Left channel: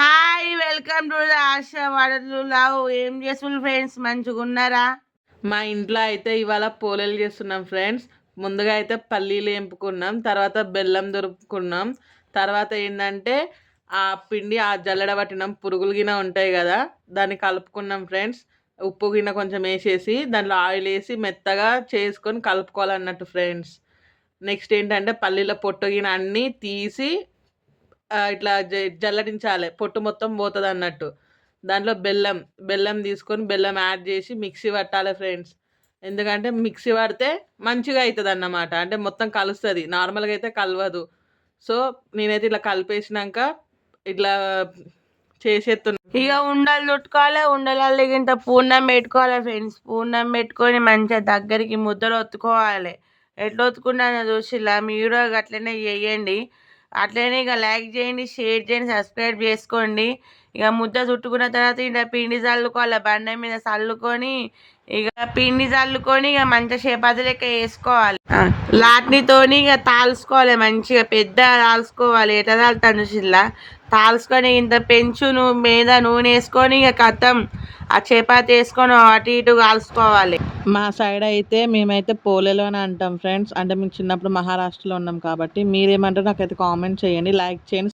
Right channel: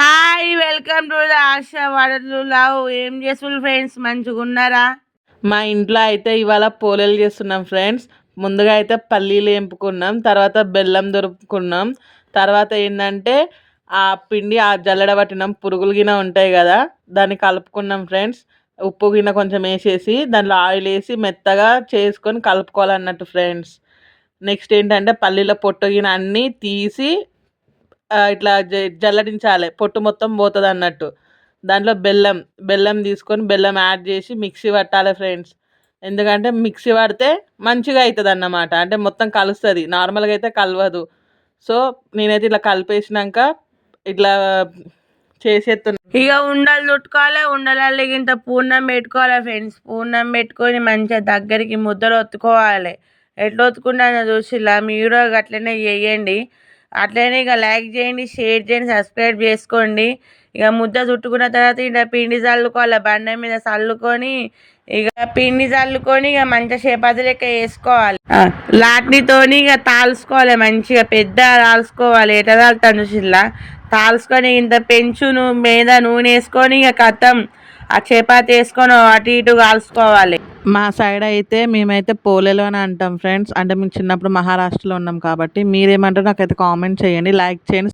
Hi welcome to ఆశ వడలు love. ఏం చేస్తున్నారు ఫ్రెండ్స్? మంచిగా ఉన్నారా? మా ఇంట్లో అయితే ఇవాళ పోలేలు చేస్తున్నాం ఫ్రెండ్స్. ముందుగా అయితే పల్లీలు ఎంపుకున్నాం తర్వాత బెల్లం దొరుకుకున్నాం తర్వాత ఏంటంటే ఆ పిండి ఆ జల్లెడ పట్టినాం పురుగులు గిన ఉంటాయి కదా దాన్ని కలుపుకున్నాం ఫ్రెండ్స్. ఉప్పు గిన్నె కొంచెం వేసేసి దాంట్లో ఆయిల్ వేసి మెత్తగా చేసుకొని కలుపుకోవాలన్నట్టు ఫ్రెండ్స్. నెక్స్ట్ ఏంటంటే పల్లీల పొట్టు గిన అన్నీ తీసి ఇట్లా జ- జల్లడించాలి. పొట్టు మొత్తం పోతుంది అన్నట్టు. దాంట్లో బెల్లం బెల్లం తీసుకొని బెల్లం యాడ్ చేసి మిక్సీ పట్టాలి ఫ్రెండ్స్. ఎందుకంటే మిక్సీ పడితే మంచిగా అవుతుంది అన్నమాట అంటే మొత్తం కలుస్తుంది. నార్మల్గా అయితే కలవదు. సో నేనైతే ఇట్లా కలిపేసినాక ఇట్లా చేసేస్తున్నా ఇక ఉండలు చుట్టుకోవాలి ఉండలు ఇంత పూర్ణం పెట్టుకోవాలి ఫ్రెండ్స్. పూర్ణం పెట్టుకొని మంచిగా దగ్గరికి ముద్దలు ఒత్తుకోవాలి. ఎట్లా ఒత్తుకుంటానో చూసిలా మీరు కూడా అట్లనే చేయండి అట్లనే ఇక లైక్ చేయండి షేర్ చేయండి సబ్స్క్రైబ్ చేసుకోండి. ఇక ముద్ద చుట్టుకున్న తర్వాత ఇక పిండి చల్లుకోవాలి? బండ మీద చల్లుకొని ఇక పిండి చల్లుకొని ఇక మంచిగా చపాతీ లెక్క వేసుకోవాలి లాట్నితోని ఇక తాల్చుకోవాలి మంచిగా పెద్ద తాల్చుకోవాలి. ఎట తాలుతాను చూసిల్లా? తాల్చుకొని ఇంత పెంచును మీద నూనె వేసుకొని ఇక కథం. ఆ చేపాతి వేసుకొని అటు ఇటు కాల్చుకోవాలి. మా సైడ్ అయితే మేమైతే పోలేలు అని అంటాం ఫ్రెండ్స్. అంటే మేము చిన్నప్పుడు మహారాష్ట్రలో ఉన్నాం కాబట్టి మీరేమంటారు నాకైతే కామెంట్ చేయండి. లైక్ చేయండి